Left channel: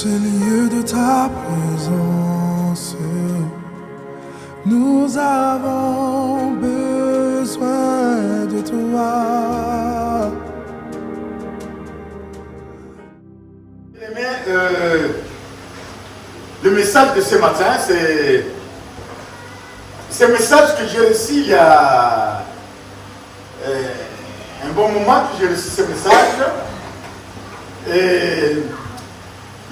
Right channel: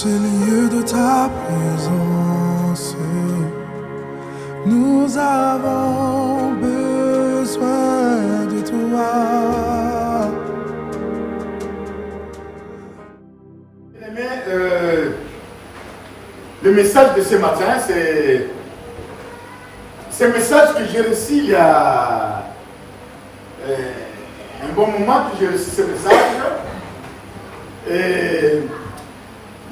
ce lieu de ta présence, nous avons besoin de toi. Le message de ce matin, c'est un message que j'ai reçu il y a un bon moment que j'ai reçu ce message. Et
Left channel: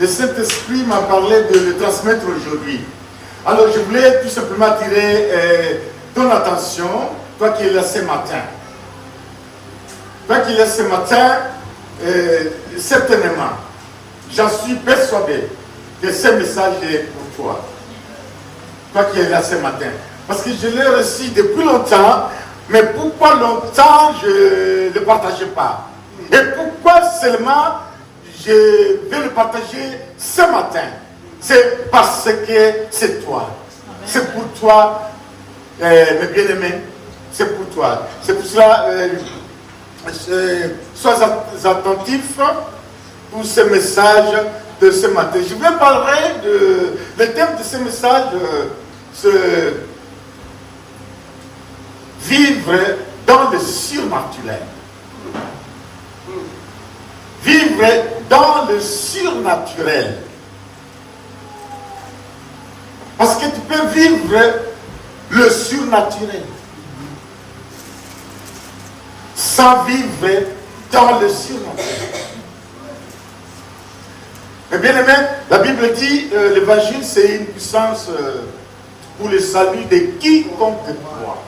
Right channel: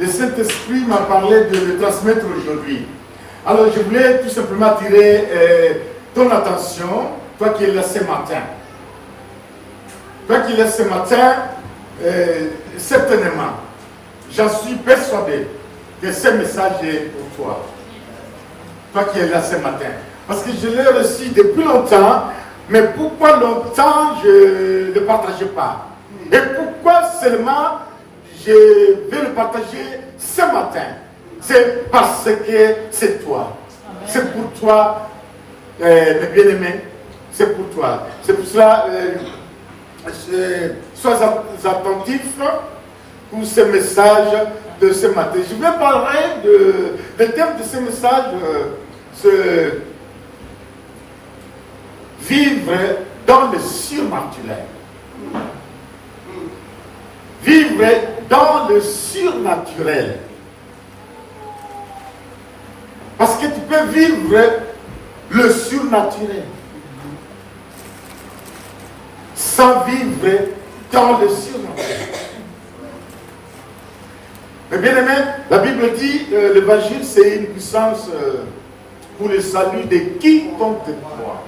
le Saint-Esprit m'a parlé de le transmettre aujourd'hui. Alors je voulais tout simplement attirer ton attention, toi qui es là ce matin. Toi qui es là ce matin, certainement, j'en suis persuadé que ce message est pour toi. Toi qui es là ce matin. Parce que je l'ai reçu depuis longtemps, mais pourquoi longtemps je ne le partageais pas? Et pourquoi seulement je vais le partager ce matin? C'est parce que c'est toi. C'est pour toi, mes bien-aimés. C'est pour toi. C'est pour cela, sois attentifs pour ce message de ce matin. Je vais parler le thème de ce message, vivre dans le surnaturel. Vivre dans le surnaturel. Parce que tu peux vivre le surnaturel sans vivre dans le surnaturel. Mais bien aimé, la Bible dit l'évangile c'est une puissance pour le salut de quiconque croit.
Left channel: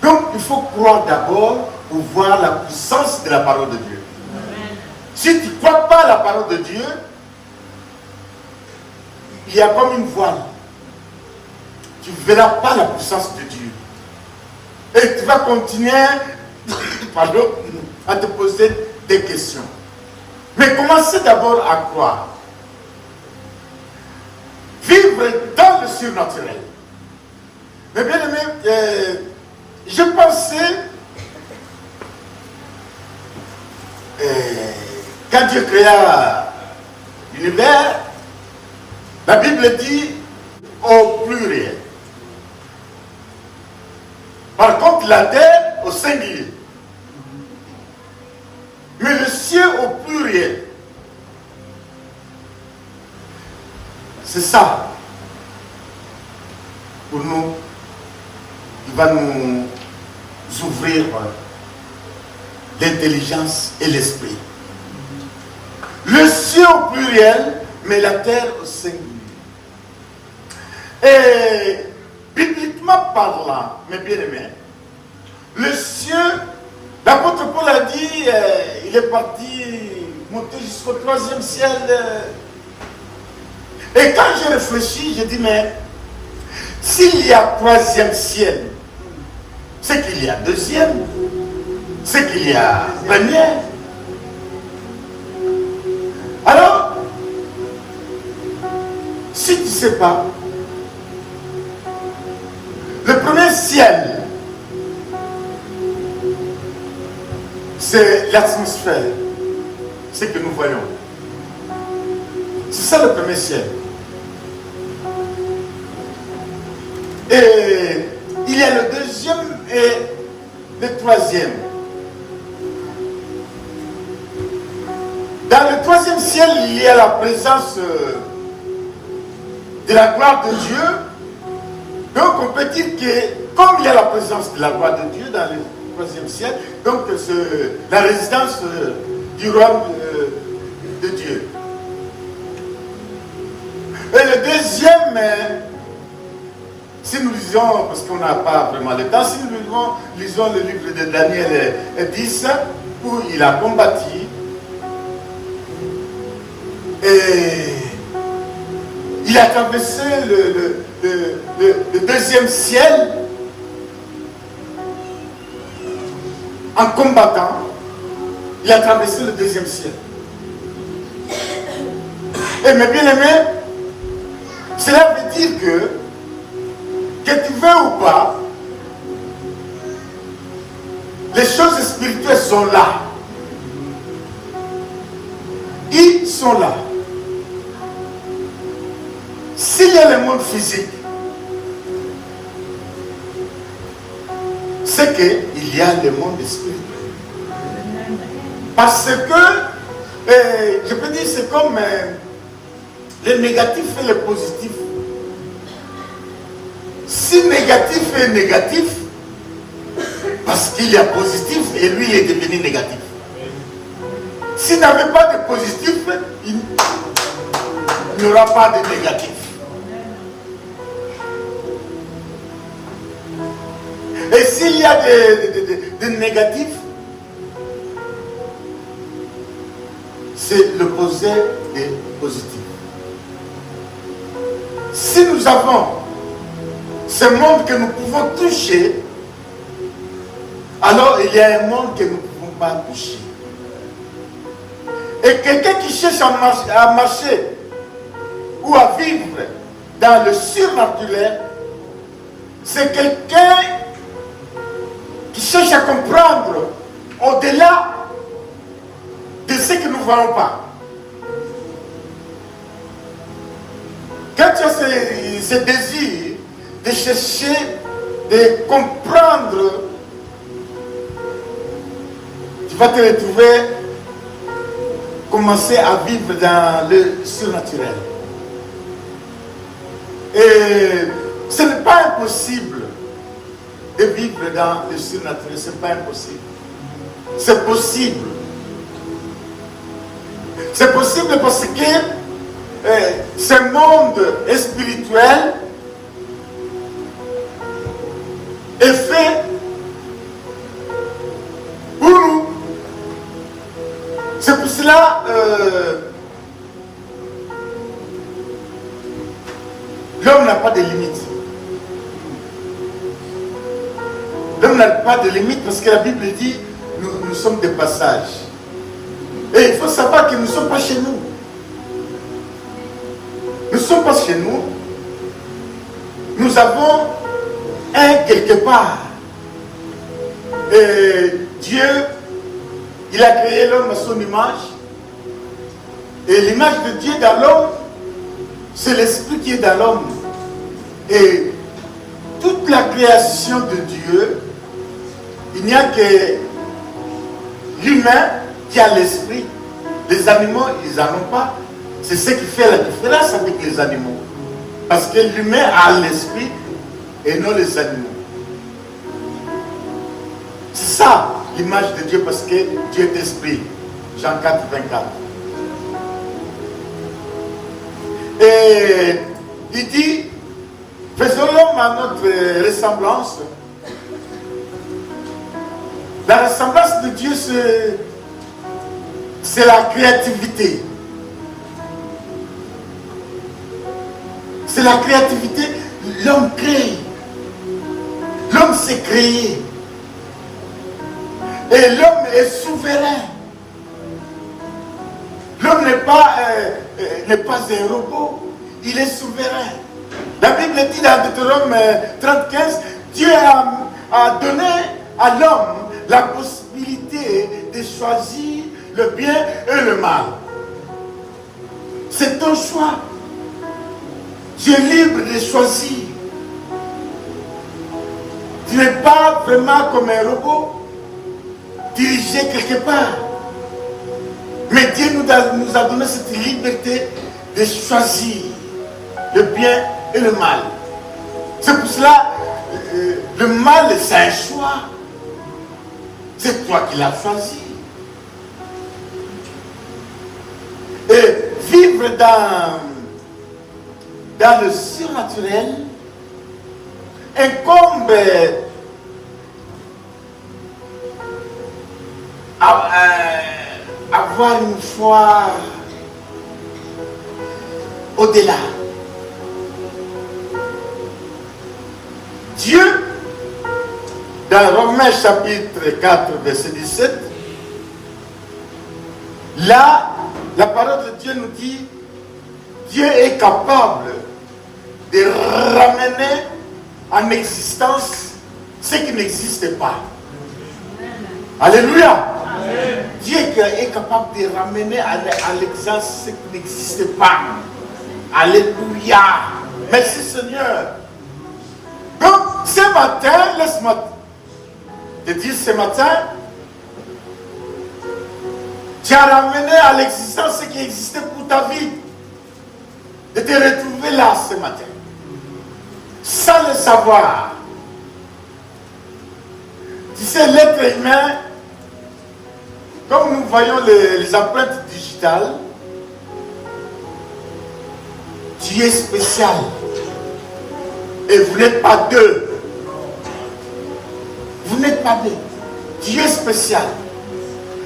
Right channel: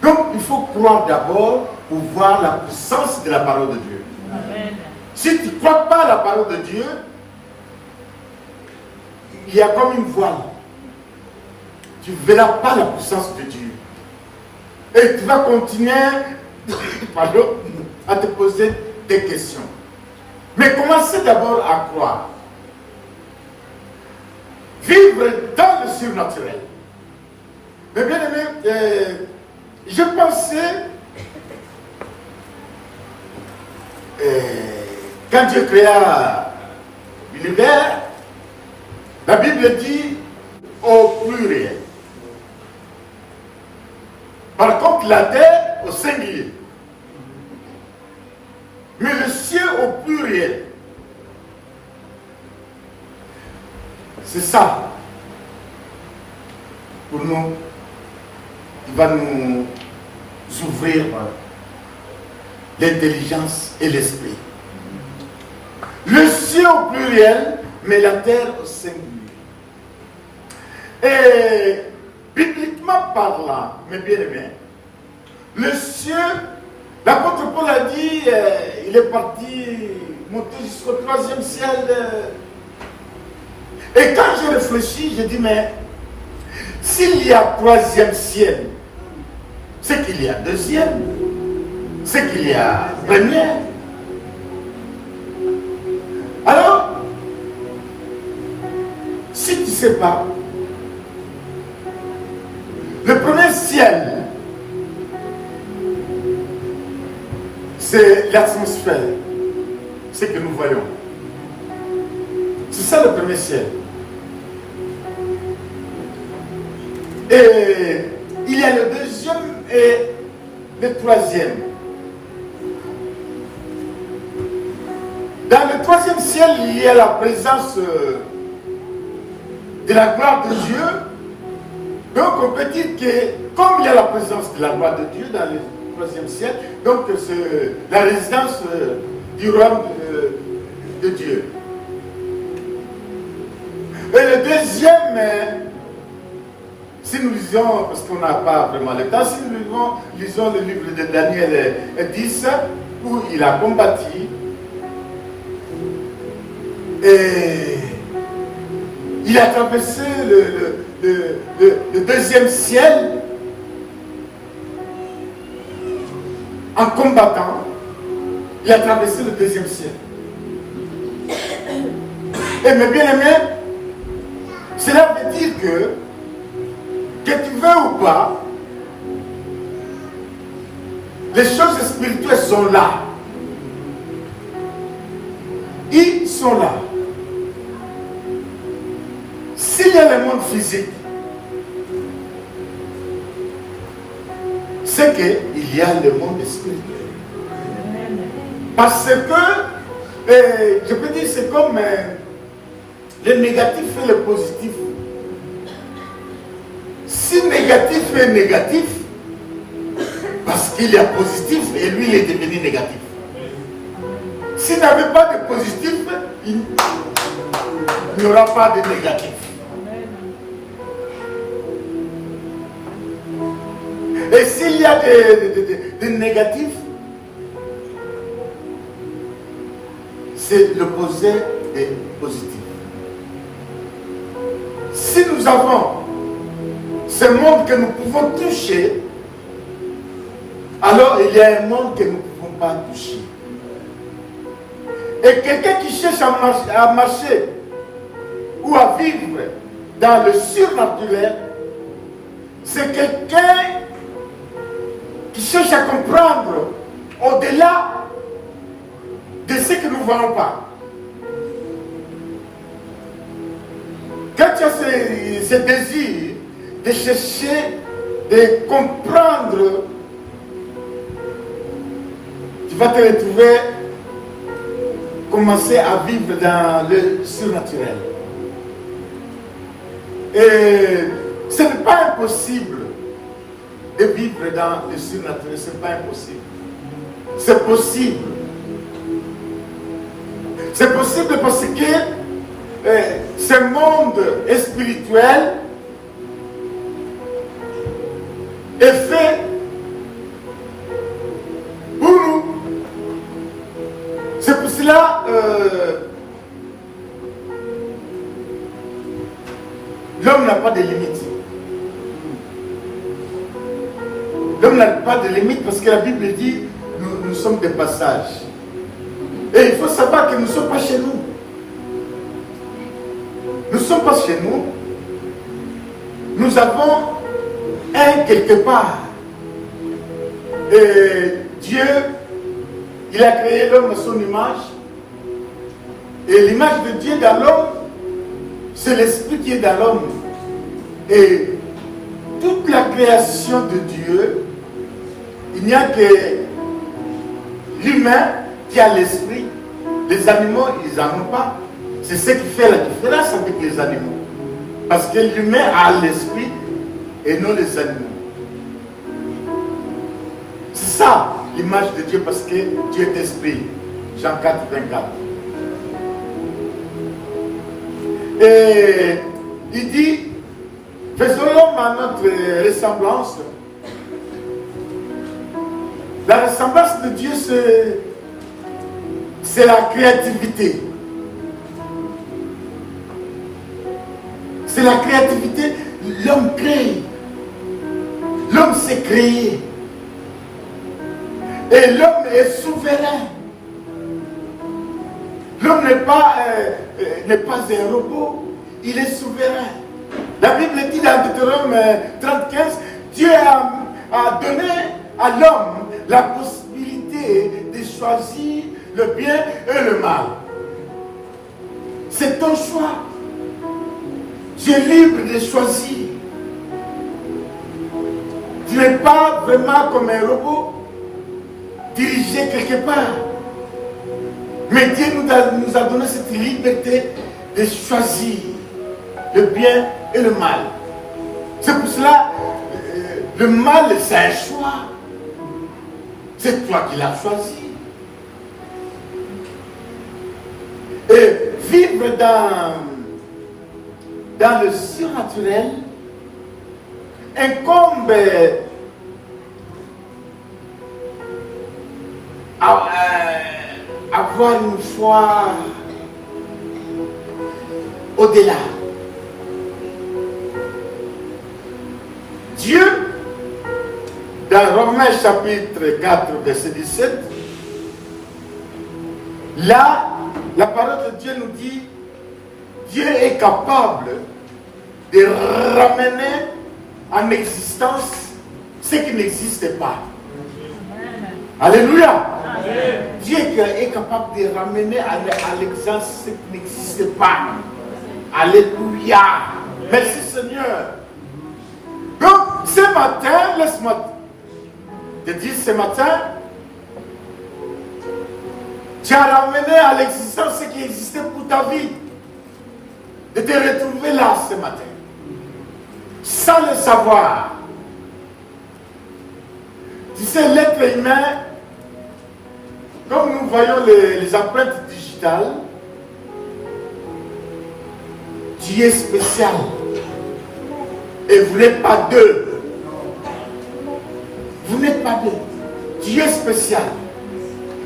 Donc il faut croire d'abord pour voir la puissance de la parole de Dieu. Amen. Si tu ne crois pas à la parole de Dieu, il y a comme une voile. Tu ne verras pas la puissance de Dieu. Et tu vas continuer à te poser des questions. Mais commencez d'abord à croire. Vivre dans le surnaturel. Mais bien aimé, je pensais, quand Dieu créa l'univers, la Bible dit au pluriel. Par contre, la terre au singulier. Mais le ciel au pluriel. C'est ça. Pour nous, il va nous ouvrir l'intelligence et l'esprit. Le ciel au pluriel, mais la terre au singulier. Et bibliquement parlant, mes bien-aimés, le ciel, l'apôtre Paul a dit, il est parti monter jusqu'au 3e ciel. Et quand j'ai réfléchi, j'ai dit, mais s'il y a 3e ciel, c'est qu'il y a 2e, c'est qu'il y a 1er. Alors, si tu ne sais pas, le premier ciel, c'est l'atmosphère, ce que nous voyons. C'est ça le premier ciel. Et il y a le 2e et le 3e. Dans le 3e ciel, il y a la présence de la gloire de Dieu. Donc on peut dire que comme il y a la présence de la gloire de Dieu dans le 3e ciel, donc c'est la résidence du royaume de Dieu. Et le 2e, si nous lisons, parce qu'on n'a pas vraiment le temps, si nous lisons le livre de Daniel 10, où il a combattu, et il a traversé le 2e ciel en combattant. Il a traversé le 2e ciel. Et mes bien-aimés, cela veut dire que tu veux ou pas, les choses spirituelles sont là. Il sont là. S'il y a le monde physique, c'est qu'il y a le monde spirituel. Parce que, je peux dire, c'est comme le négatif et le positif. Si négatif est négatif, parce qu'il y a positif et lui il est devenu négatif. S'il n'avait pas de positif, il n'y aura pas de négatif. Et s'il y a de négatif, c'est l'opposé des positifs. Si nous avons ce monde que nous pouvons toucher, alors il y a un monde que nous ne pouvons pas toucher. Et quelqu'un qui cherche à marcher ou à vivre dans le surnaturel, c'est quelqu'un qui cherche à comprendre au-delà de ce que nous ne voyons pas. Quand tu as ce désir de chercher, de comprendre, tu vas te retrouver, commencer à vivre dans le surnaturel. Et ce n'est pas impossible de vivre dans le surnaturel, ce n'est pas impossible. C'est possible. C'est possible parce que ce monde spirituel est fait pour nous. C'est pour cela l'homme n'a pas de limite. L'homme n'a pas de limite parce que la Bible dit nous sommes des passages. Et il faut savoir que nous ne sommes pas chez nous. Nous ne sommes pas chez nous. Nous avons un quelque part. Et Dieu, il a créé l'homme à son image. Et l'image de Dieu dans l'homme, c'est l'esprit qui est dans l'homme. Et toute la création de Dieu, il n'y a que l'humain qui a l'esprit. Les animaux, ils n'en ont pas. C'est ce qui fait la différence avec les animaux. Parce que l'humain a l'esprit et non les animaux. C'est ça l'image de Dieu, parce que Dieu est esprit. Jean 4, 24. Et il dit, faisons l'homme à notre ressemblance. La ressemblance de Dieu, c'est la créativité. C'est la créativité. L'homme crée. L'homme s'est créé. Et l'homme est souverain. L'homme n'est pas un robot. Il est souverain. La Bible dit dans Deutéronome 30:15, Dieu a donné à l'homme la possibilité de choisir le bien et le mal. C'est ton choix. Tu es libre de choisir. Tu n'es pas vraiment comme un robot, dirigé quelque part. Mais Dieu nous a donné cette liberté de choisir le bien et le mal. C'est pour cela, le mal, c'est un choix. C'est toi qui l'as choisi. Et vivre dans le surnaturel incombe avoir une foi au-delà. Dieu, dans Romains chapitre 4, verset 17, là, la parole de Dieu nous dit, Dieu est capable de ramener en existence ce qui n'existe pas. Amen. Alléluia. Amen. Dieu est capable de ramener à l'existence ce qui n'existait pas. Alléluia. Merci Seigneur. Donc, ce matin, laisse-moi te dire ce matin, tu as ramené à l'existence ce qui existait pour ta vie. De te retrouver là ce matin. Sans le savoir. Tu sais, l'être humain, comme nous voyons les empreintes digitales, tu es spécial. Et vous n'êtes pas deux. Vous n'êtes pas deux. Tu es spécial.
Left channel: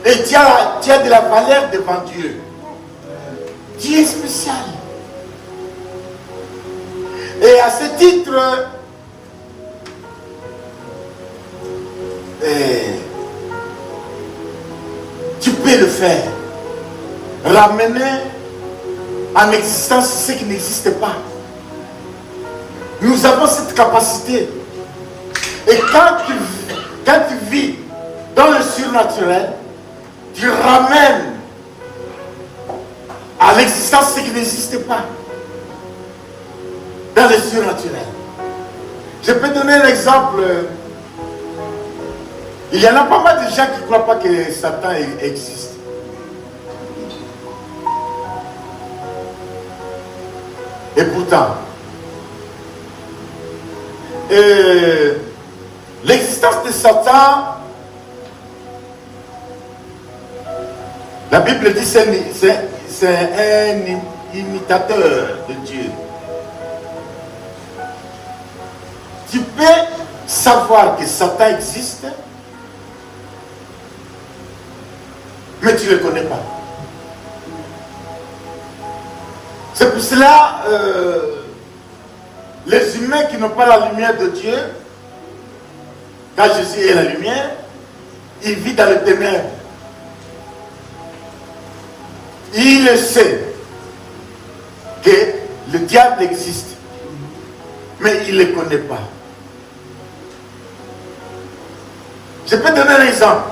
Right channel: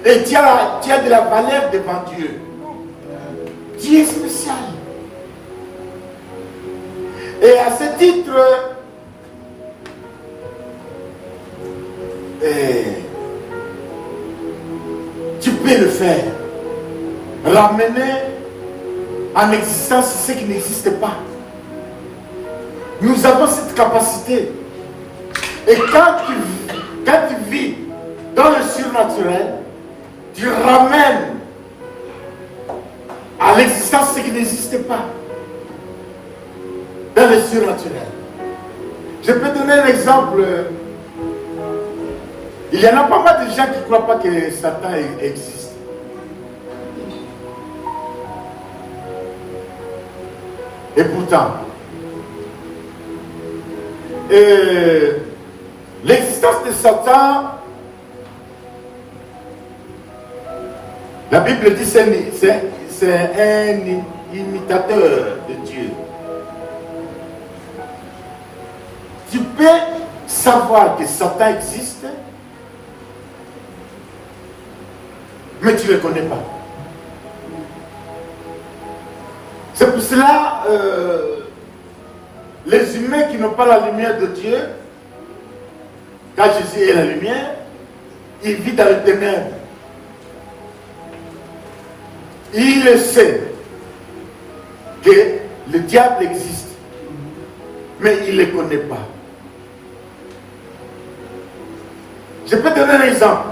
Et tu as de la valeur devant Dieu. Tu es spécial. Et à ce titre, tu peux le faire. Ramener en existence ce qui n'existe pas. Nous avons cette capacité. Et quand tu vis dans le surnaturel, tu ramènes à l'existence ce qui n'existe pas. Dans le surnaturel. Je peux donner un exemple. Il y en a pas mal de gens qui ne croient pas que Satan existe. Et pourtant, l'existence de Satan, la Bible dit que c'est un imitateur de Dieu. Tu peux savoir que Satan existe, mais tu ne le connais pas. C'est pour cela, les humains qui n'ont pas la lumière de Dieu, quand Jésus est la lumière, ils vivent dans les ténèbres. Il sait que le diable existe, mais il ne le connaît pas. Je peux donner un exemple.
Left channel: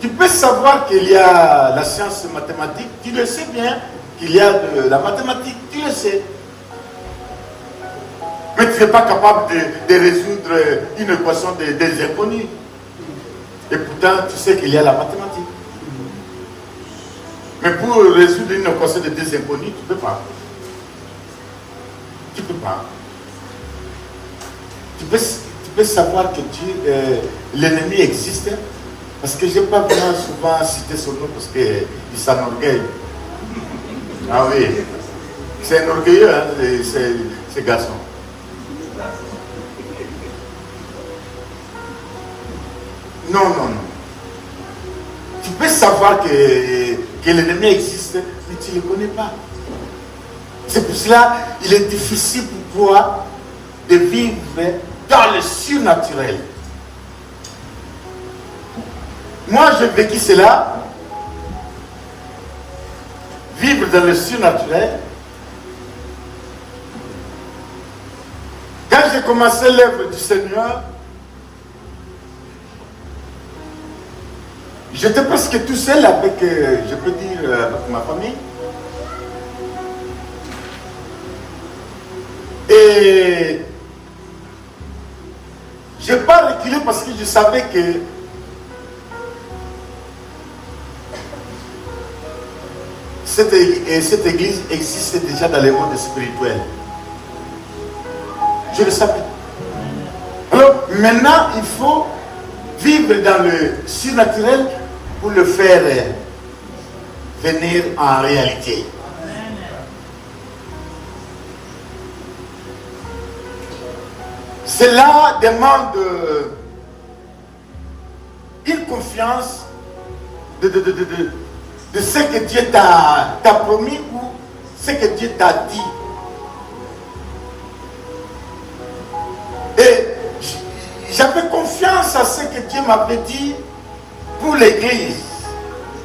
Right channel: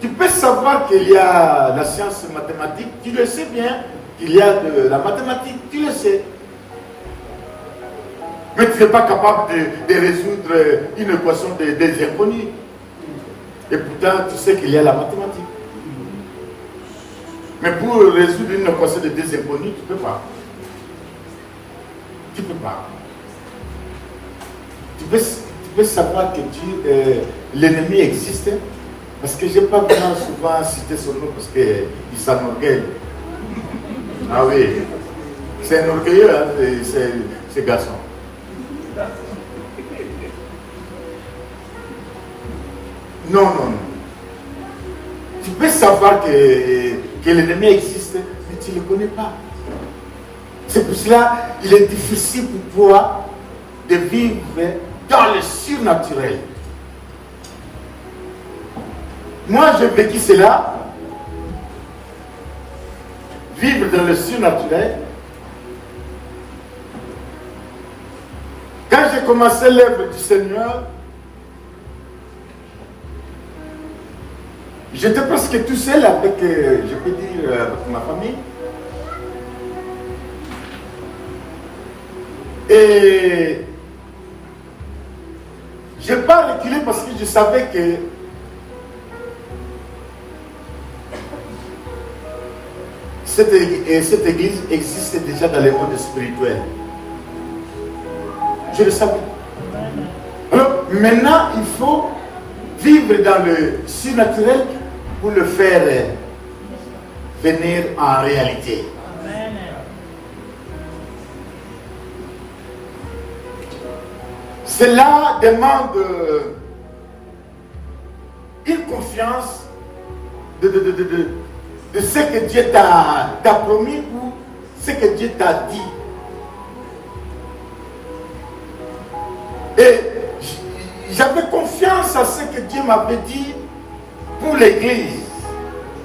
Tu peux savoir qu'il y a la science mathématique, tu le sais bien, qu'il y a de la mathématique, tu le sais. Mais tu n'es pas capable de résoudre une équation des inconnus. Et pourtant, tu sais qu'il y a la mathématique. Mais pour résoudre une équation de deux inconnus, tu ne peux pas. Tu ne peux pas. Tu peux savoir que l'ennemi existe, parce que je n'ai pas vraiment souvent cité son nom parce qu'il s'enorgueille. Ah oui, c'est un orgueilleux, hein, ces garçons. Non, non, non. Tu peux savoir que l'ennemi existe, mais tu ne le connais pas. C'est pour cela qu'il est difficile pour toi de vivre dans le surnaturel. Moi, j'ai vécu cela. Vivre dans le surnaturel. Quand j'ai commencé l'œuvre du Seigneur, j'étais presque tout seul avec, je peux dire, avec ma famille. Et je n'ai pas reculé parce que je savais que cette église existe déjà dans le monde spirituel. Je le savais. Alors maintenant, il faut vivre dans le surnaturel pour le faire venir en réalité. Cela demande une confiance de ce que Dieu t'a promis ou ce que Dieu t'a dit. Et j'avais confiance à ce que Dieu m'avait dit pour l'église.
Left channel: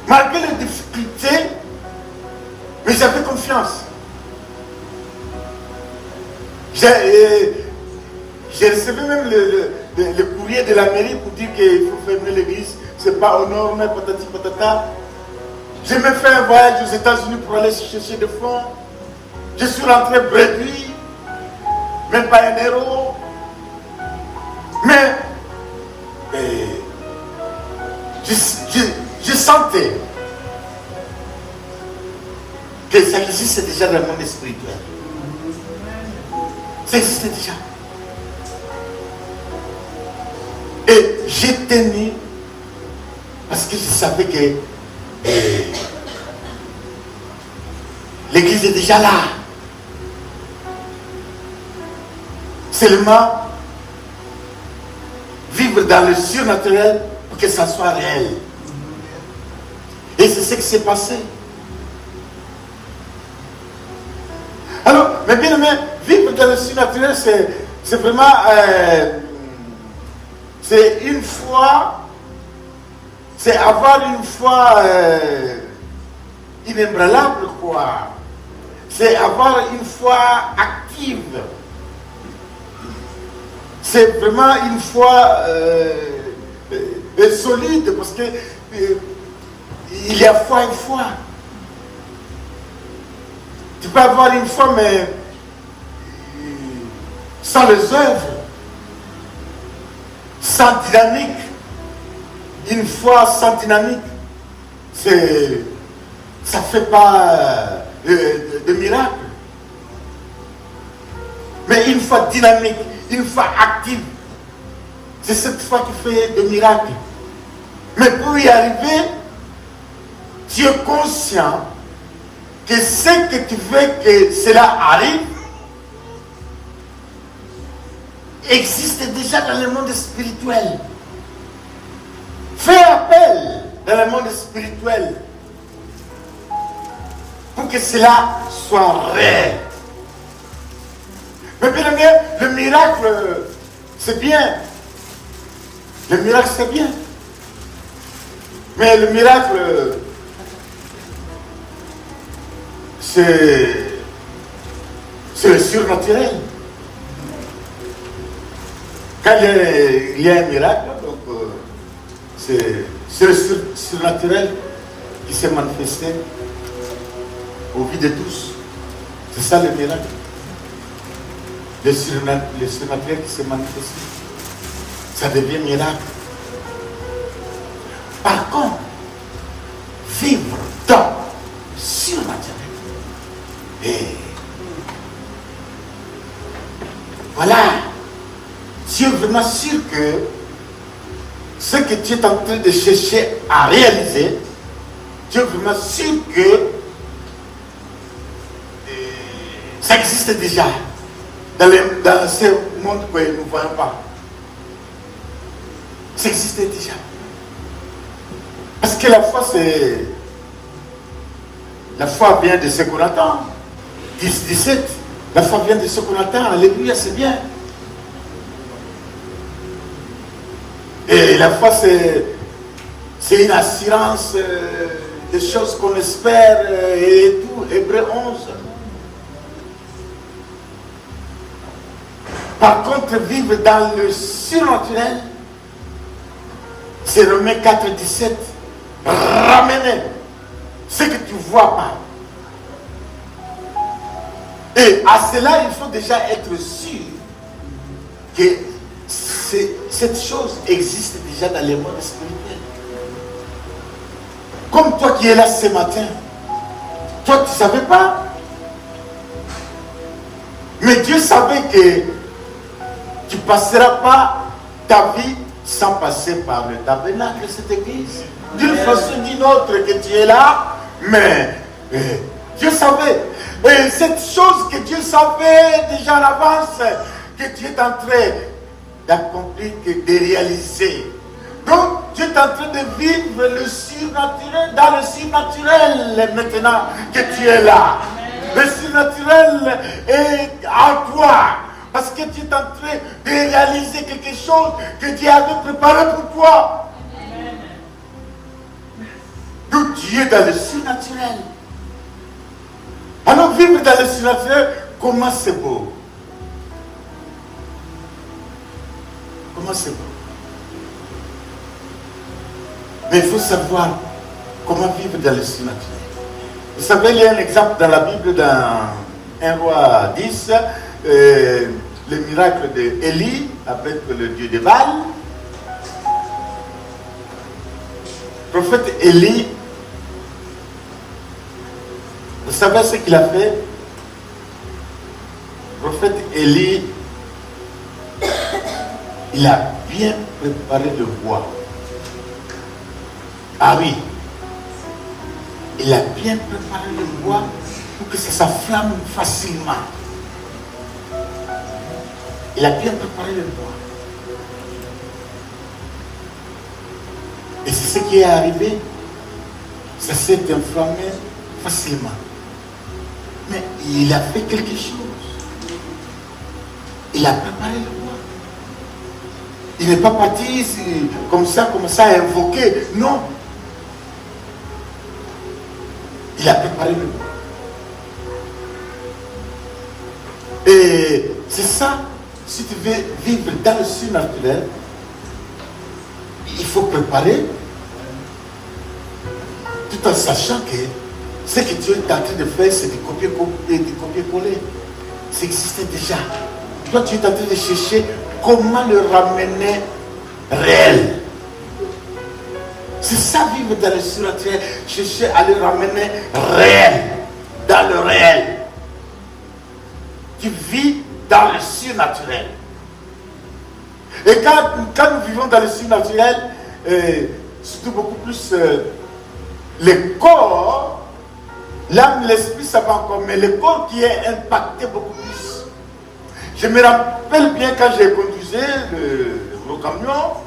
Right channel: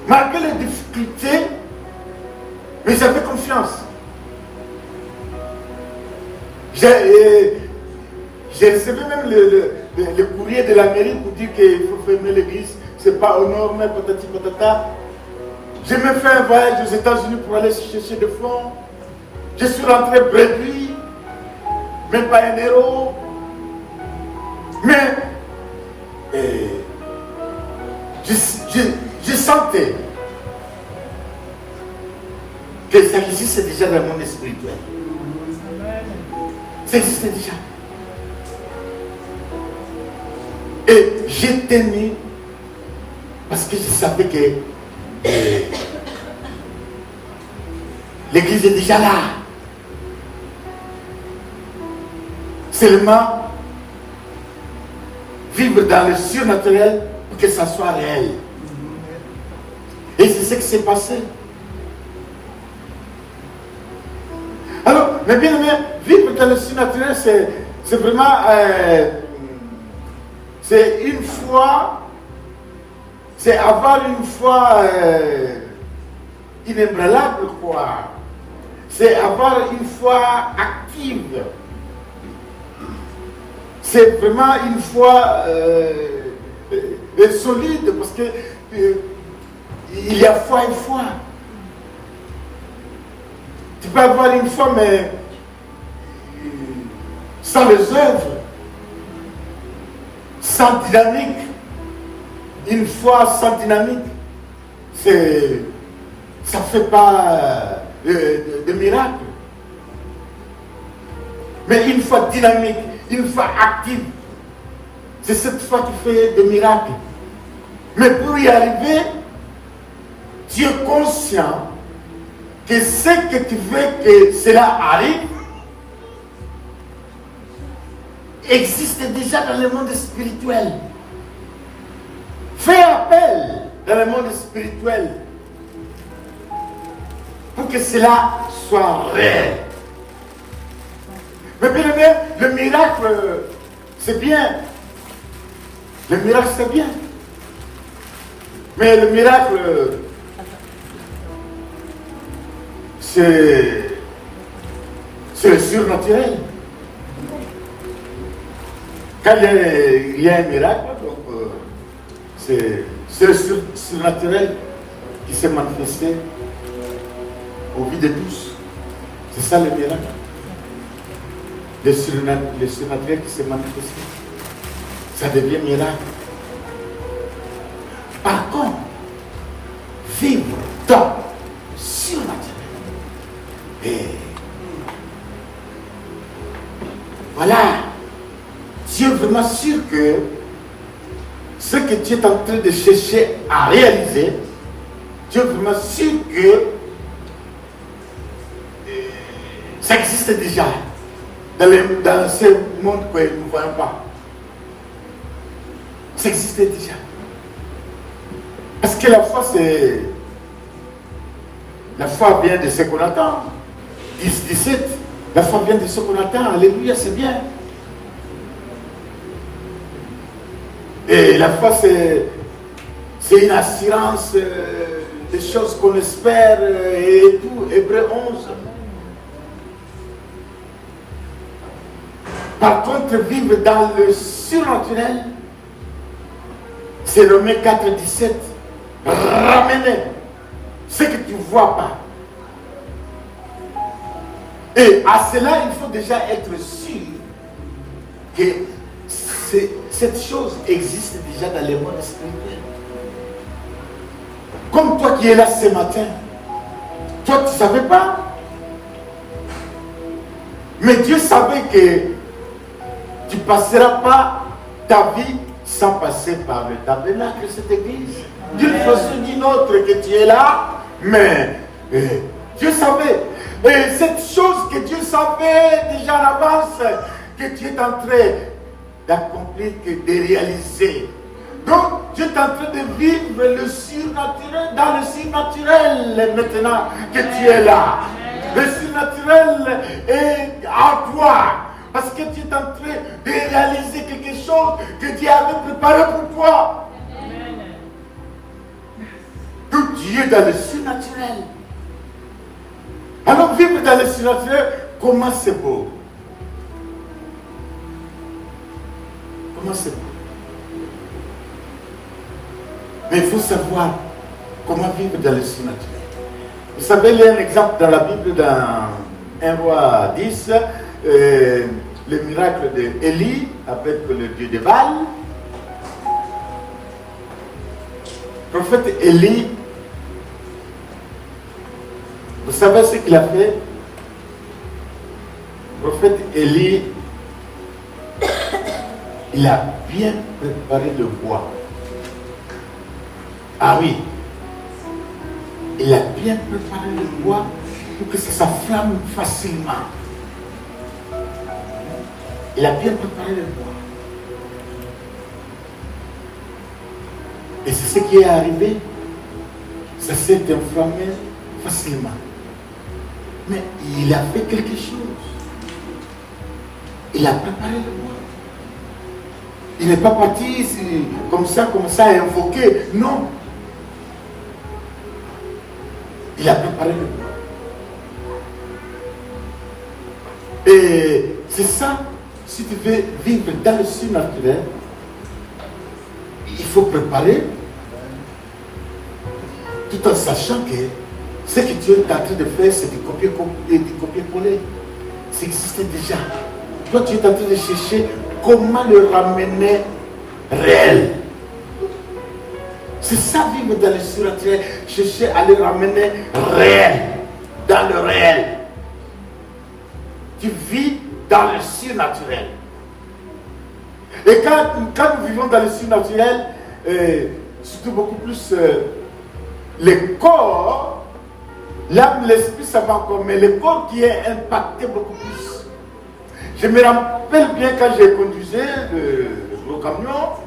Malgré les difficultés, mais j'avais confiance. J'ai recevé même le courrier de la mairie pour dire qu'il faut fermer l'église c'est pas au nord, mais patati patata. J'ai même fait un voyage aux États-Unis pour aller chercher des fonds. Je suis rentré bréduit, même pas un euro. Mais je sentais que ça existait déjà dans le monde spirituel. Ça existait déjà. Et j'ai tenu parce que je savais que l'église est déjà là. Seulement vivre dans le surnaturel pour que ça soit réel. Et c'est ce qui s'est passé. Alors, mais bien aimé, vivre dans le surnaturel, c'est vraiment c'est une foi, c'est avoir une foi inébranlable, quoi. C'est avoir une foi active. C'est vraiment une foi solide, parce que il y a foi et foi. Tu peux avoir une foi, mais sans les œuvres, sans dynamique. Une foi sans dynamique, ça ne fait pas de miracle. Mais une foi dynamique, une foi active, c'est cette foi qui fait des miracles. Mais pour y arriver, tu es conscient que ce que tu veux que cela arrive existe déjà dans le monde spirituel. Fais appel dans le monde spirituel pour que cela soit réel. Mais bien aimé, le miracle, c'est bien. Le miracle, c'est bien. Mais le miracle, c'est le surnaturel. Quand il y a un miracle, donc c'est le surnaturel qui s'est manifesté au vie de tous. C'est ça le miracle. Le surnaturel qui s'est manifesté. Ça devient miracle. Par contre, vivre dans le surnaturel. Et voilà. Tu es vraiment sûr que ce que tu es en train de chercher à réaliser, tu es vraiment sûr que ça existe déjà dans ce monde que nous ne voyons pas. Ça existe déjà. Parce que la foi, la foi vient de ce qu'on attend. 10-17. La foi vient de ce qu'on attend. Alléluia, c'est bien. Et la foi, c'est une assurance des choses qu'on espère et tout. Hébreux 11. Par contre, vivre dans le surnaturel, c'est Romains 4-17. Ramener ce que tu ne vois pas. Et à cela, il faut déjà être sûr que cette chose existe déjà dans le monde spirituel. Comme toi qui es là ce matin, toi tu ne savais pas. Mais Dieu savait que tu ne passeras pas ta vie sans passer par le tabernacle de cette église. D'une façon ou d'une autre que tu es là, mais Dieu savait. Et cette chose que Dieu savait déjà en avance, que tu es en train d'accomplir, de réaliser. Donc, tu es en train de vivre le surnaturel, dans le surnaturel maintenant que tu es là. Le surnaturel est en toi. Parce que tu es en train de réaliser quelque chose que Dieu avait préparé pour toi. Donc tu es dans le surnaturel. Alors vivre dans le surnaturel, comment c'est beau. Comment c'est beau. Mais il faut savoir comment vivre dans le surnaturel. Vous savez, il y a un exemple dans la Bible, dans 1 Roi 10, le miracle d'Élie avec le dieu de Baal. Le prophète Élie, vous savez ce qu'il a fait? Le prophète Élie, il a bien préparé le bois. Ah oui, il a bien préparé le bois pour que ça s'enflamme facilement. Il a bien préparé le bois. Et c'est ce qui est arrivé. Ça s'est enflammé facilement. Mais il a fait quelque chose. Il a préparé le bois. Il n'est pas parti comme ça à invoquer. Non. Il a préparé le bois. Et c'est ça, si tu veux vivre dans le surnaturel, il faut préparer, tout en sachant que ce que tu es en train de faire, c'est du copier-coller. Ça existait déjà. Toi, tu es en train de chercher comment le ramener réel. C'est ça, vivre dans le surnaturel, chercher à le ramener réel, dans le réel. Tu vis dans le surnaturel. Et quand nous vivons dans le surnaturel, surtout beaucoup plus le corps, l'âme, l'esprit, ça va encore, mais le corps qui est impacté beaucoup plus. Je me rappelle bien quand j'ai conduisé le gros camion,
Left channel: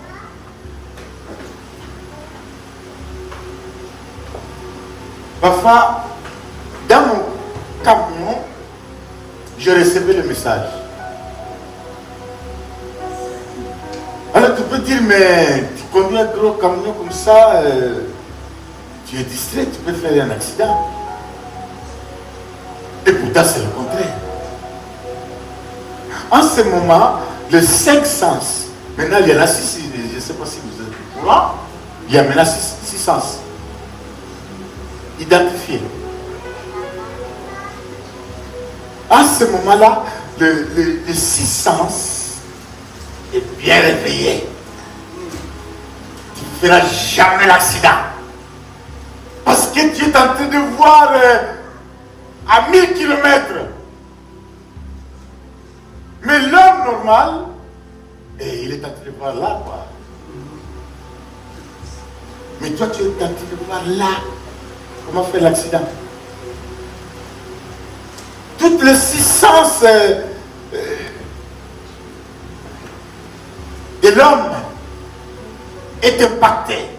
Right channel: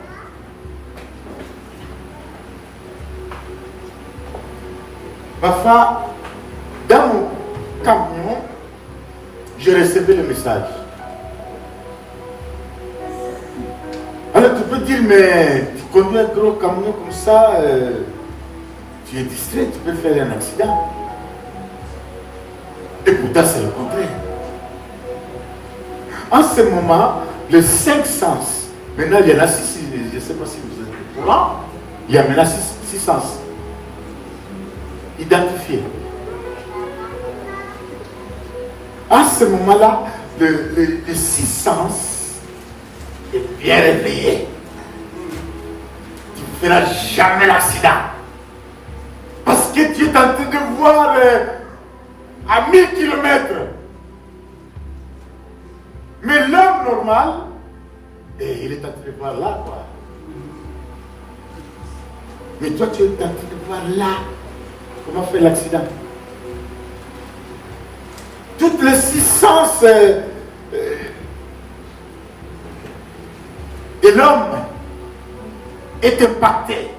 parfois, dans mon camion, je recevais le message. Alors tu peux dire, mais tu conduis un gros camion comme ça, tu es distrait, tu peux faire un accident. Et pourtant c'est le contraire. En ce moment, les 5 sens, maintenant il y en a 6, je ne sais pas si vous êtes au courant, il y a maintenant 6 sens identifiés. À ce moment-là, le 6 sens est bien réveillé. Tu ne feras jamais l'accident. Parce que tu es en train de voir à 1000 km. Mais l'homme normal, il est en train de voir là, quoi. Mais toi, tu es en train de voir là. Comment faire l'accident? Toutes les 6 sens de l'homme est impacté.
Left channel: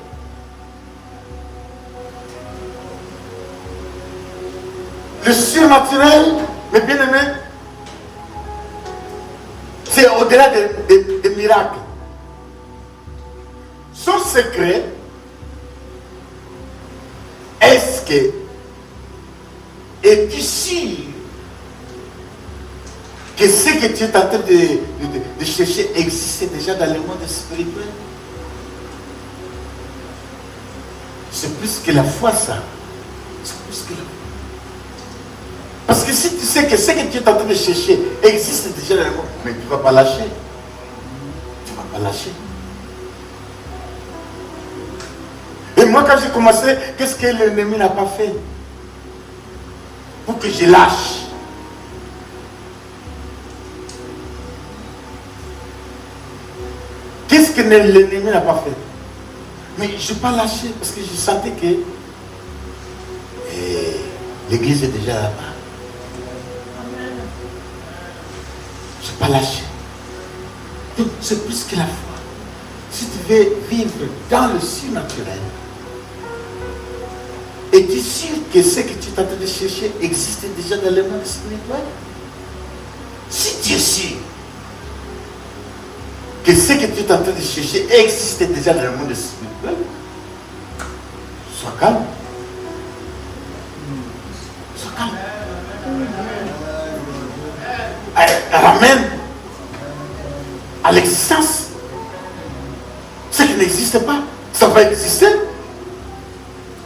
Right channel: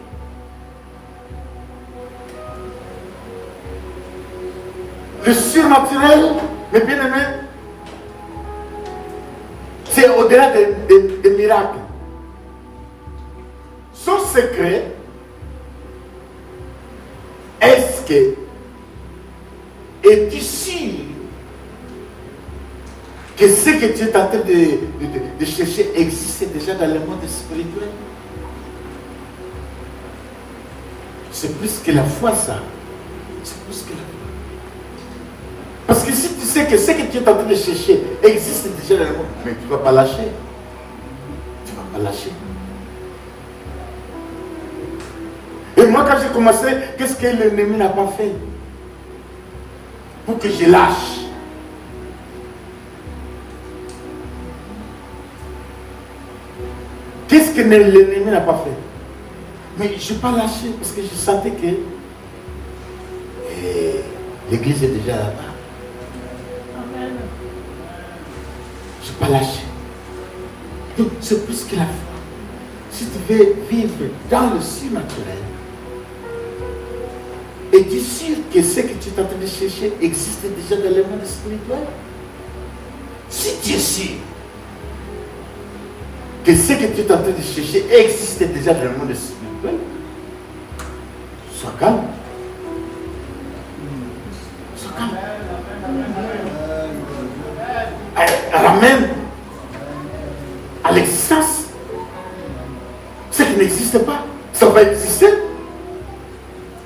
Le surnaturel, mes bien-aimés, c'est au-delà des miracles. Son secret, est-ce que es-tu sûr que ce que tu es en train de chercher existe déjà dans le monde spirituel? C'est plus que la foi, ça. C'est plus que la foi. Parce que si tu sais que ce que tu es en train de chercher existe déjà dans le monde, mais tu ne vas pas lâcher. Tu ne vas pas lâcher. Et moi, quand j'ai commencé, qu'est-ce que l'ennemi n'a pas fait pour que je lâche? Qu'est-ce que l'ennemi n'a pas fait? Mais je n'ai pas lâché parce que je sentais que l'église est déjà là-bas. Je n'ai pas lâché. Donc c'est plus que la foi. Si tu veux vivre dans le surnaturel, es-tu sûr que ce que tu es en train de chercher existe déjà dans le monde spirituel? Si tu es sûr que ce que tu es en train de chercher existe déjà dans le monde spirituel, sois calme. Sois calme. Ramène à l'existence ce qui n'existe pas. Ça va exister.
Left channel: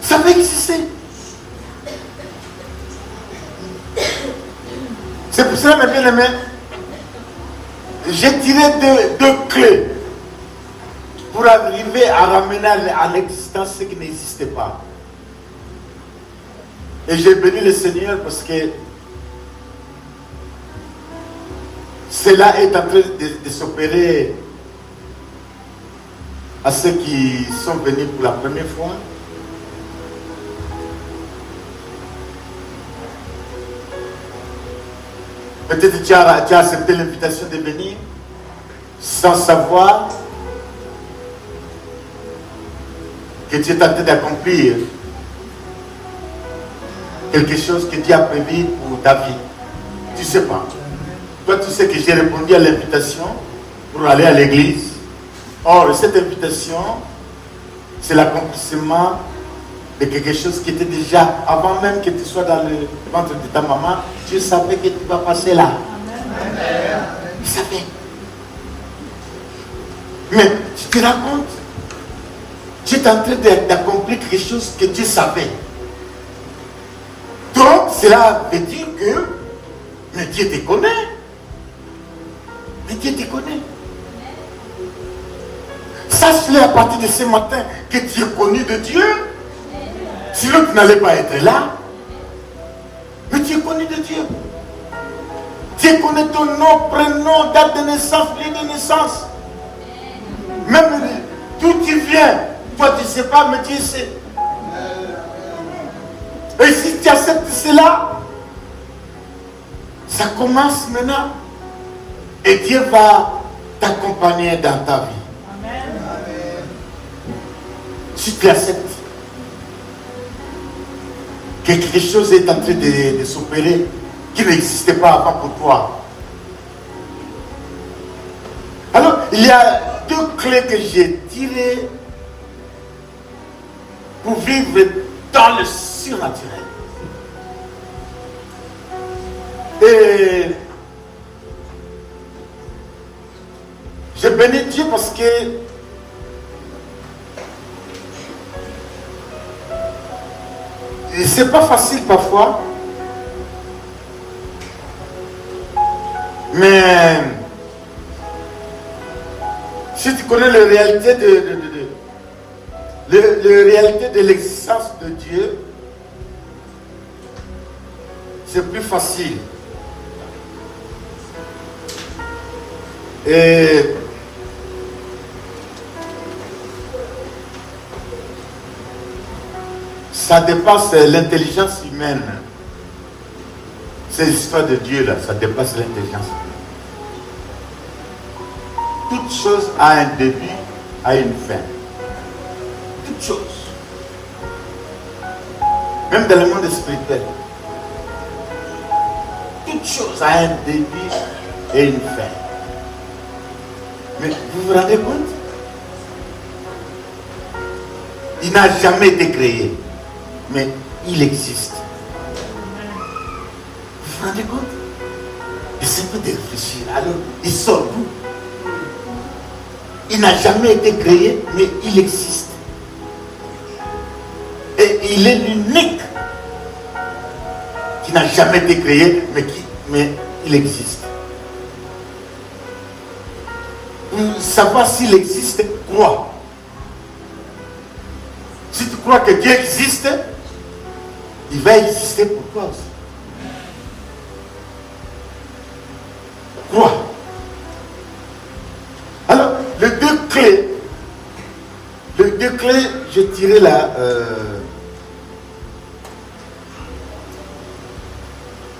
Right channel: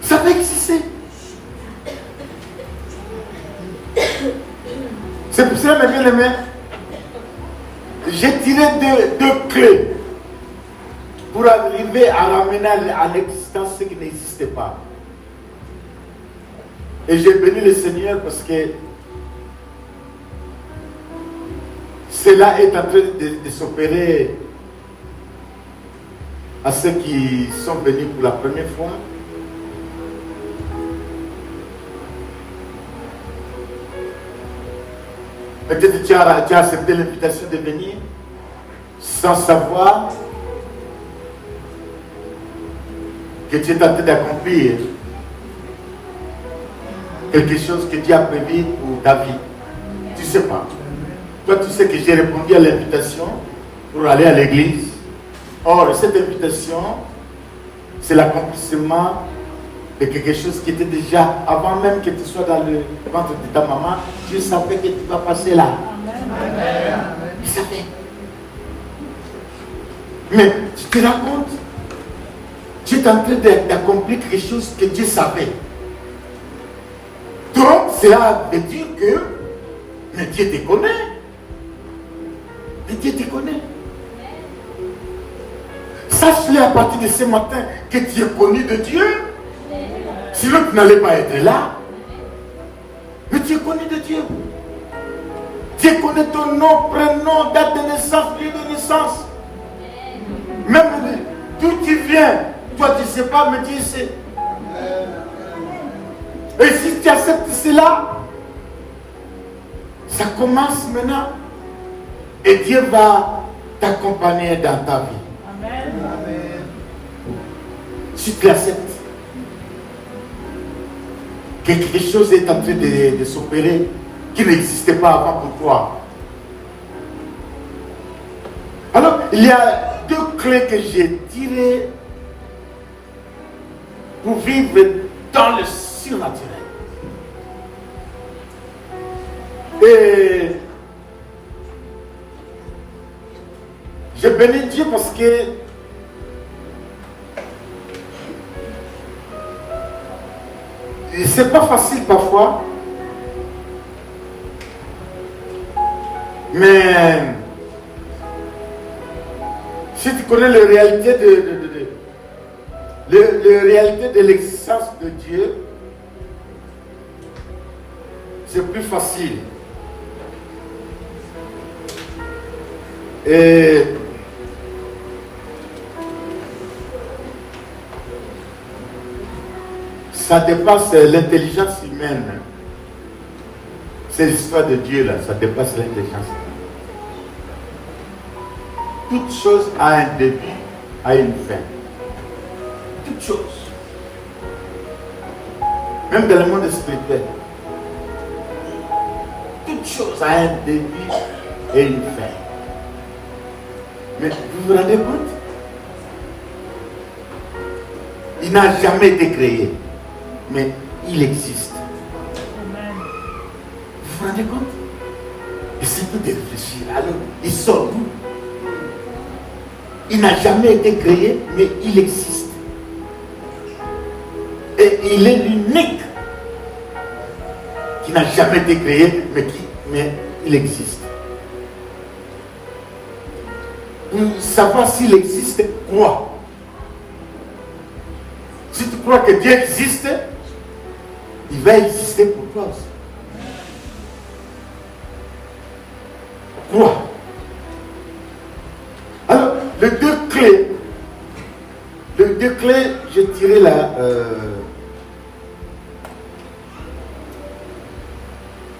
Ça va exister. C'est pour ça, mes bien-aimés, j'ai tiré deux clés pour arriver à ramener à l'existence ce qui n'existait pas. Et j'ai béni le Seigneur parce que cela est en train de s'opérer à ceux qui sont venus pour la première fois. Peut-être tu as accepté l'invitation de venir sans savoir que tu es en train d'accomplir quelque chose que Dieu a prévu pour ta vie. Tu ne sais pas. Toi, tu sais que j'ai répondu à l'invitation pour aller à l'église. Or, cette invitation, c'est l'accomplissement de quelque chose qui était déjà, avant même que tu sois dans le ventre de ta maman, tu savais que tu vas passer là. Tu savais. Mais tu te rends compte, tu es en train d'accomplir quelque chose que Dieu savait. Donc, cela veut dire que mais Dieu te connaît. Et Dieu te connaît. Sache-le à partir de ce matin que tu es connu de Dieu. Sinon, tu n'allais pas être là. Mais tu es connu de Dieu. Dieu connaît ton nom, prénom, date de naissance, lieu de naissance. Même d'où tu viens. Toi, tu ne sais pas, mais Dieu sait. Et si tu acceptes cela, ça commence maintenant. Et Dieu va t'accompagner dans ta vie. Amen. Si tu acceptes que quelque chose est en train de s'opérer qui n'existait pas avant pour toi. Alors, il y a deux clés que j'ai tirées pour vivre dans le surnaturel. Et je bénis Dieu parce que c'est pas facile parfois, mais si tu connais les réalités les réalités de l'existence de Dieu, c'est plus facile. Et ça dépasse l'intelligence humaine. Ces histoires de Dieu là, ça dépasse l'intelligence humaine. Toute chose a un début, a une fin. Toute chose. Même dans le monde spirituel. Toute chose a un début et une fin. Mais vous vous rendez compte? Il n'a jamais été créé, mais il existe. Vous vous rendez compte? Essayez de réfléchir. Alors, il sort d'où? Il n'a jamais été créé, mais il existe. Et il est l'unique qui n'a jamais été créé, mais il existe. Pour savoir s'il existe, crois. Si tu crois que Dieu existe, il va exister pour toi aussi. Crois. Alors, les deux clés, j'ai tiré là.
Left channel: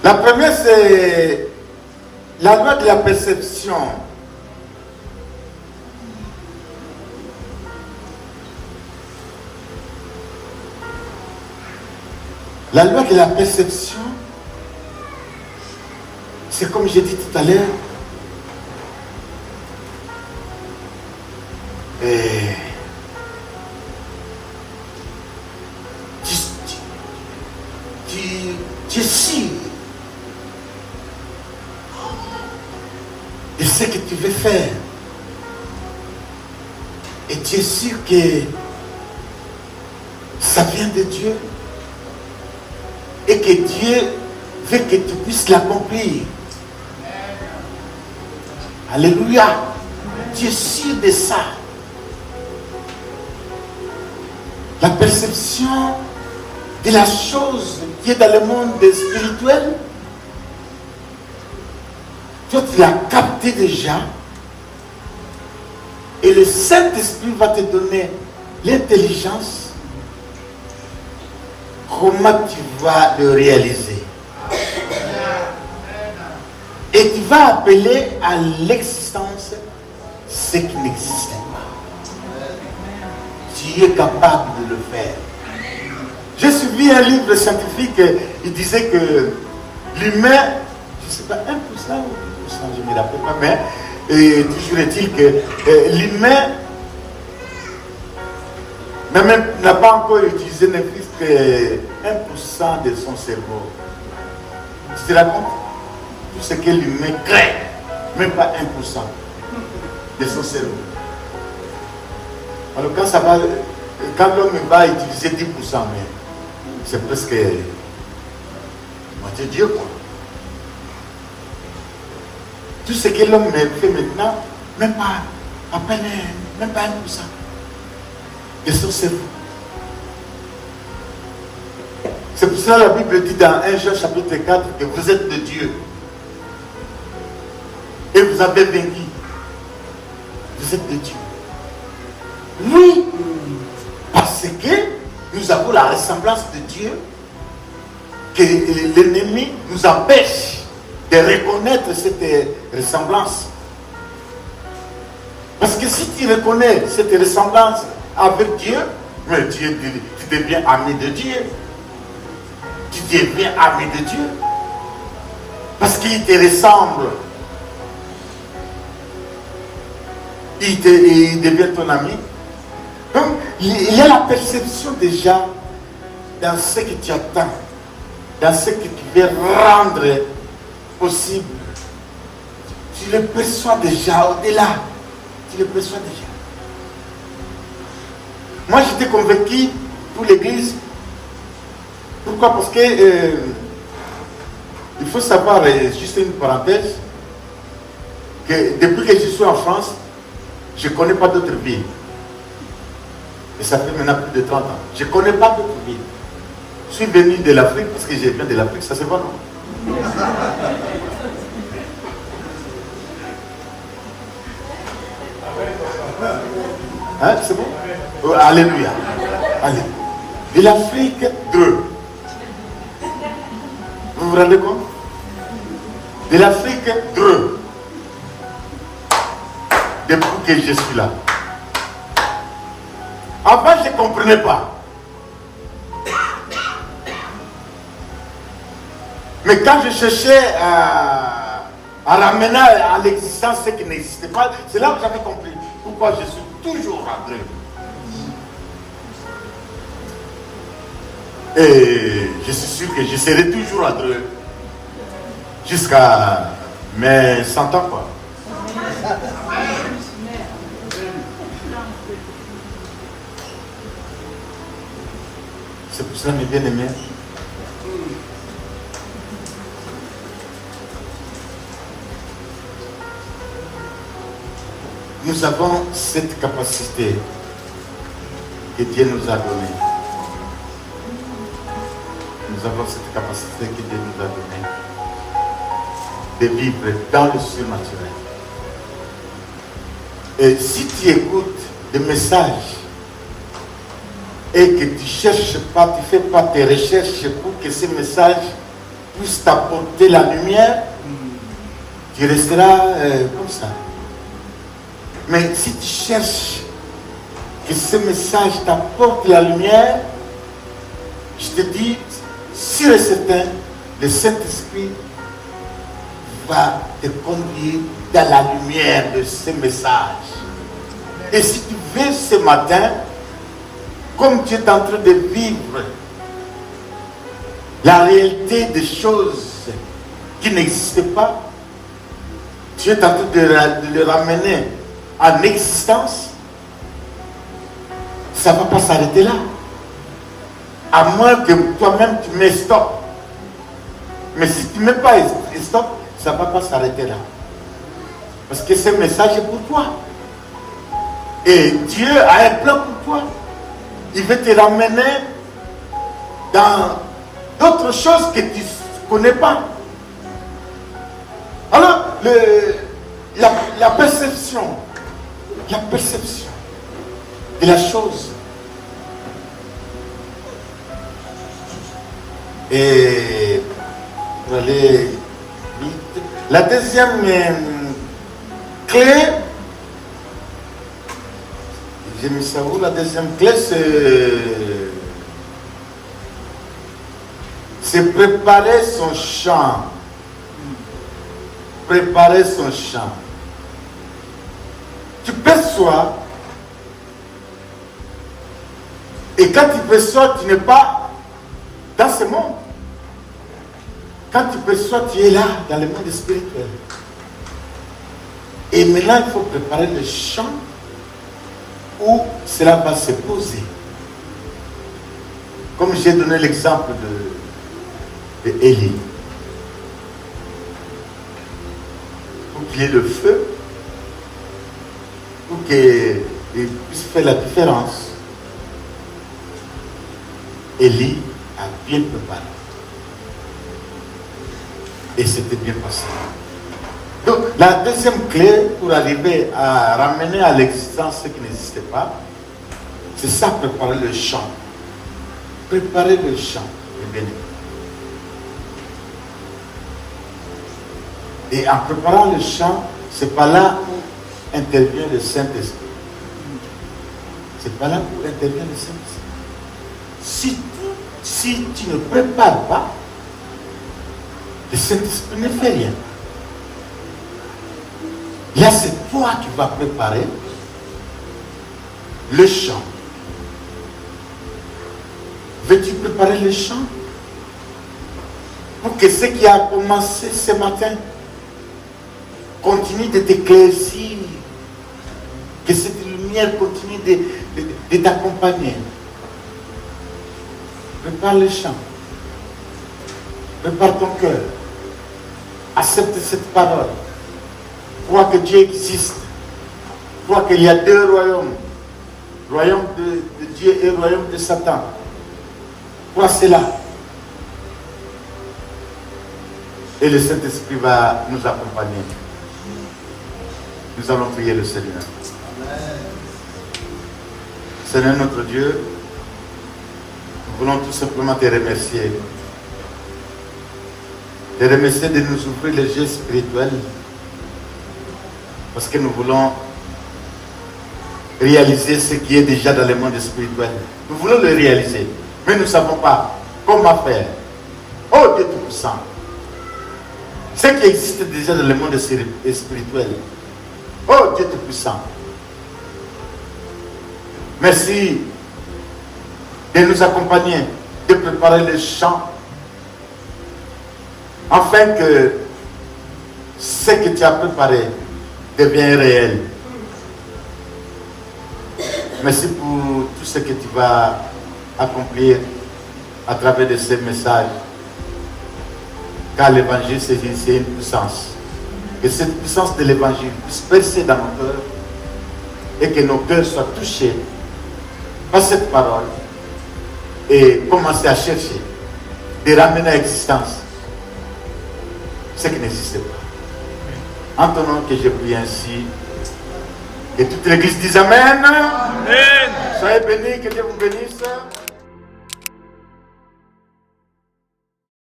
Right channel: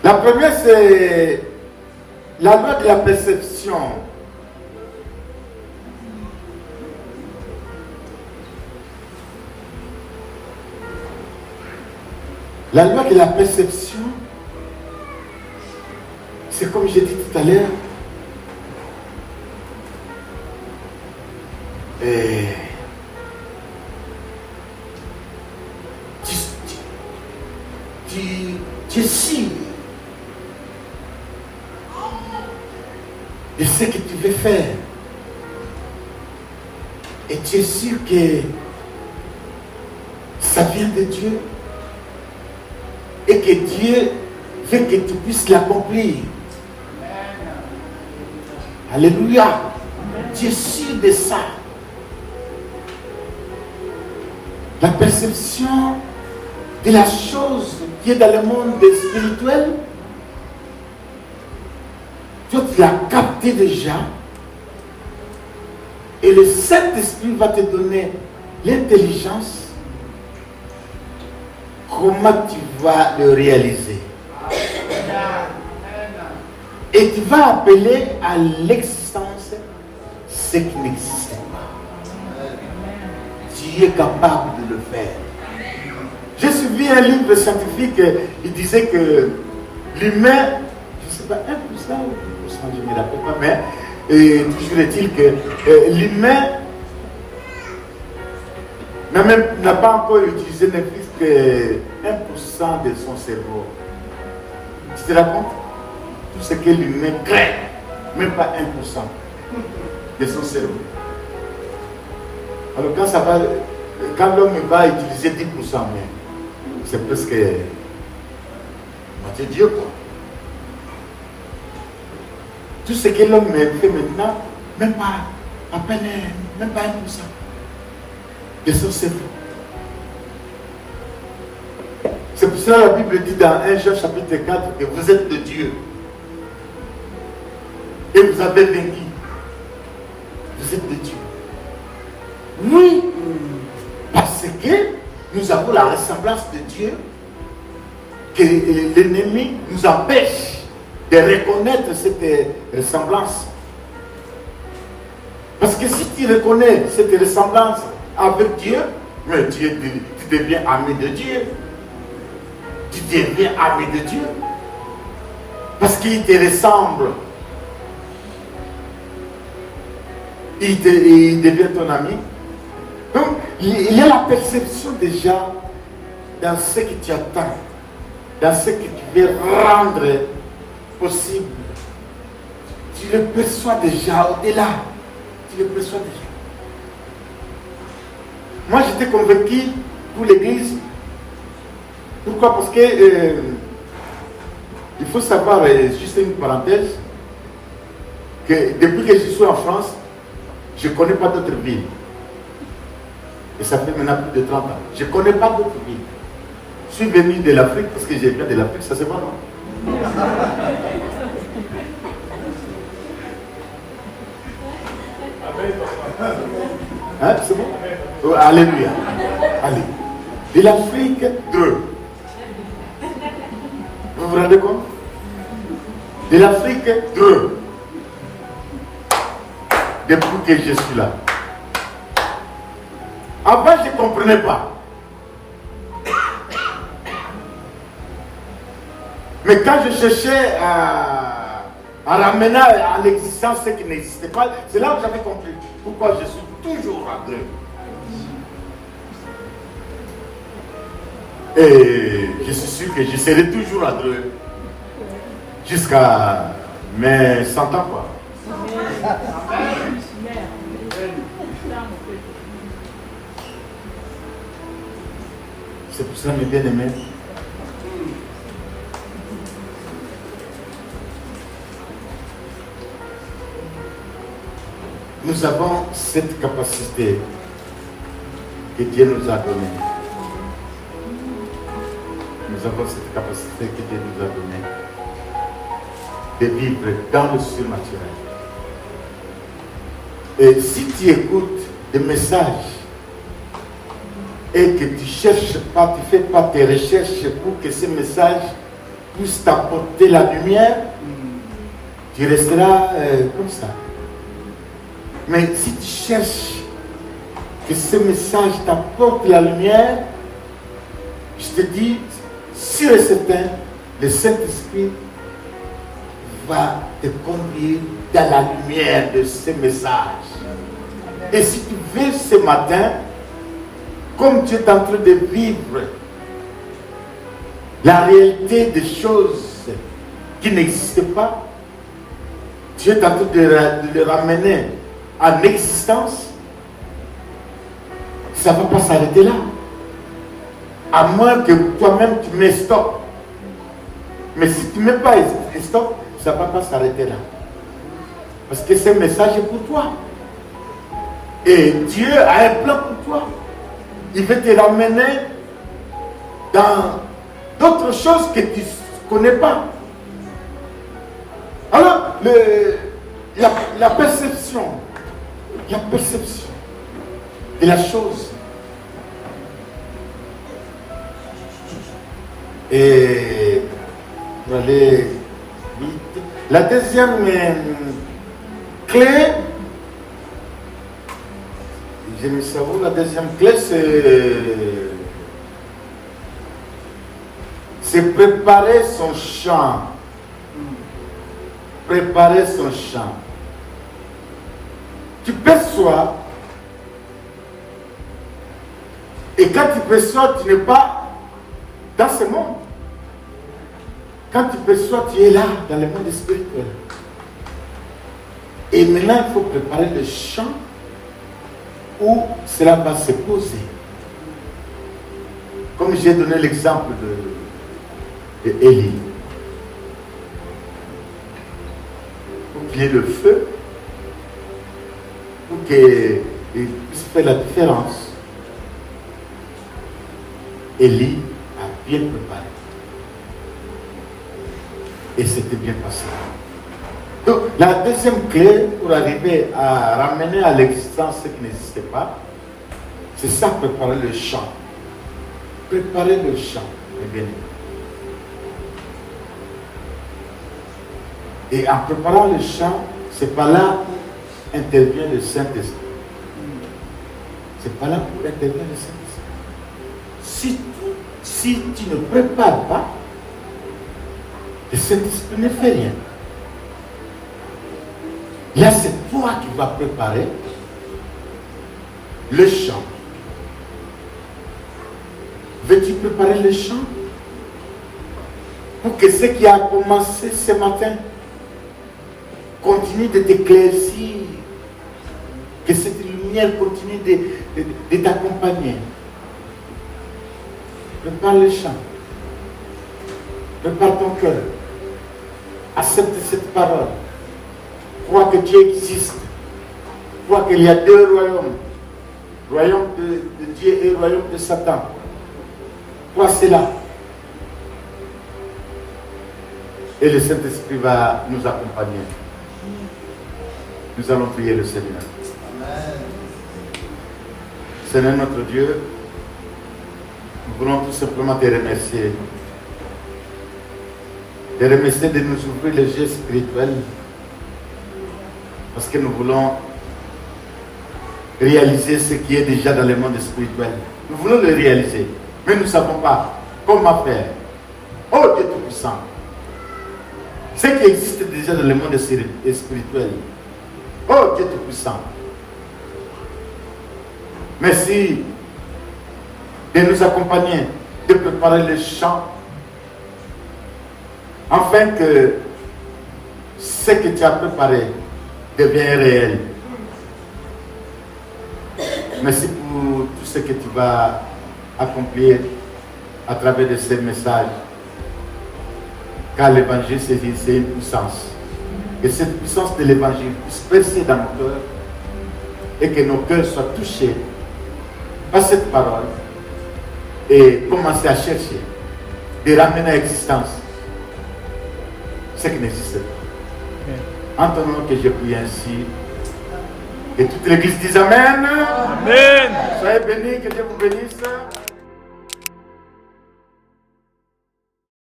La première, c'est la loi de la perception. La loi de la perception, c'est comme j'ai dit tout à l'heure, tu es sûr de ce que tu veux faire. Et tu es sûr que ça vient de Dieu. Et que Dieu veut que tu puisses l'accomplir. Alléluia. Tu es sûr de ça. La perception de la chose qui est dans le monde spirituel, toi tu l'as capté déjà. Et le Saint-Esprit va te donner l'intelligence. Comment tu vas le réaliser? Et tu vas appeler à l'existence ce qui n'existe pas. Tu es capable de le faire. J'ai suivi un livre scientifique, il disait que l'humain, je ne sais pas, 1% ou 2%, je ne me rappelle pas, mais toujours est-il que l'humain n'a pas encore utilisé ne plus que 1% de son cerveau. Tu te racontes? Tout ce que l'humain crée, même pas 1% de son cerveau. Alors quand l'homme va utiliser 10%, mais c'est presque moitié Dieu, quoi. Tout ce que l'homme fait maintenant, même pas à peine, même pas 1% de son cerveau. C'est pour ça que la Bible dit dans 1 Jean chapitre 4 que vous êtes de Dieu. Et vous avez vaincu. Vous êtes de Dieu. Oui, parce que nous avons la ressemblance de Dieu, que l'ennemi nous empêche de reconnaître cette ressemblance. Parce que si tu reconnais cette ressemblance avec Dieu, mais tu deviens ami de Dieu. Tu deviens ami de Dieu. Parce qu'il te ressemble. Il devient ton ami. Donc, il y a la perception déjà dans ce que tu attends, dans ce que tu veux rendre possible. Tu le perçois déjà au-delà. Tu le perçois déjà. Moi, j'étais convaincu pour l'Église. Pourquoi? Parce que il faut savoir, juste une parenthèse, que depuis que je suis en France, je ne connais pas d'autres villes. Et ça fait maintenant plus de 30 ans. Je ne connais pas d'autres villes. Je suis venu de l'Afrique parce que je viens de l'Afrique, ça se voit, non? Hein, c'est bon? Oh, alléluia. Allez. De l'Afrique, 2. Vous vous rendez compte? De l'Afrique, 2. Depuis que je suis là. Avant, je ne comprenais pas. Mais quand je cherchais à ramener à l'existence ce qui n'existait pas, c'est là où j'avais compris pourquoi je suis toujours en Dieu. Et je suis sûr que je serai toujours à Dieu jusqu'à mes 100 ans, quoi. C'est pour cela, mes bien-aimés, nous avons cette capacité que Dieu nous a donnée. Nous avons cette capacité que Dieu nous a donnée de vivre dans le surnaturel. Et si tu écoutes des messages et que tu ne cherches pas, tu ne fais pas tes recherches pour que ces messages puissent t'apporter la lumière, tu resteras comme ça. Mais si tu cherches que ce message t'apporte la lumière, je te dis, sûr et certain, le Saint-Esprit va te conduire dans la lumière de ce message. Et si tu veux ce matin, comme tu es en train de vivre la réalité des choses qui n'existent pas, tu es en train de le ramener en existence, ça ne va pas s'arrêter là. À moins que toi-même tu mets stop. Mais si tu ne mets pas stop, ça ne va pas s'arrêter là. Parce que ce message est pour toi. Et Dieu a un plan pour toi. Il veut te ramener dans d'autres choses que tu ne connais pas. Alors, la perception de la chose. Et pour aller vite, la deuxième clé, j'ai mis ça où, la deuxième clé, c'est préparer son champ. Préparer son champ. Tu perçois, et quand tu perçois, tu n'es pas dans ce monde. Quand tu perçois, tu es là, dans le monde spirituel. Et maintenant, il faut préparer le champ où cela va se poser. Comme j'ai donné l'exemple de Élie. Pour qu'il y ait le feu, pour qu'il puisse faire la différence. Élie a bien préparé. Et c'était bien passé. Donc, la deuxième clé pour arriver à ramener à l'existence ce qui n'existait pas, c'est ça, préparer le champ. Préparer le champ, les bien-aimés. Et en préparant le champ, c'est pas là où intervient le Saint-Esprit. C'est pas là où intervient le Saint-Esprit. Si tu ne prépares pas, le Saint-Esprit ne fait rien. Là, c'est toi qui vas préparer le champ. Veux-tu préparer le champ pour que ce qui a commencé ce matin continue de t'éclaircir, que cette lumière continue de t'accompagner. Prépare le champ. Prépare ton cœur. Accepte cette parole. Crois que Dieu existe. Crois qu'il y a deux royaumes. Royaume de Dieu et royaume de Satan. Crois cela. Et le Saint-Esprit va nous accompagner. Nous allons prier le Seigneur. Amen. Seigneur notre Dieu, nous voulons tout simplement te remercier. Te remercier de nous ouvrir les yeux spirituels. Parce que nous voulons réaliser ce qui est déjà dans le monde spirituel. Nous voulons le réaliser. Mais nous ne savons pas comment faire. Oh Dieu Tout-Puissant. Ce qui existe déjà dans le monde spirituel. Oh Dieu Tout-Puissant. Merci de nous accompagner, de préparer le champ, afin que ce que tu as préparé devienne réel. Merci pour tout ce que tu vas accomplir à travers de ces messages. Car l'évangile, c'est une puissance. Que cette puissance de l'évangile puisse percer dans nos cœurs et que nos cœurs soient touchés par cette parole et commencer à chercher de ramener à l'existence ce qui n'existait pas. En ton nom que je prie ainsi, et toute l'église dise Amen. Amen. Soyez bénis, que Dieu vous bénisse.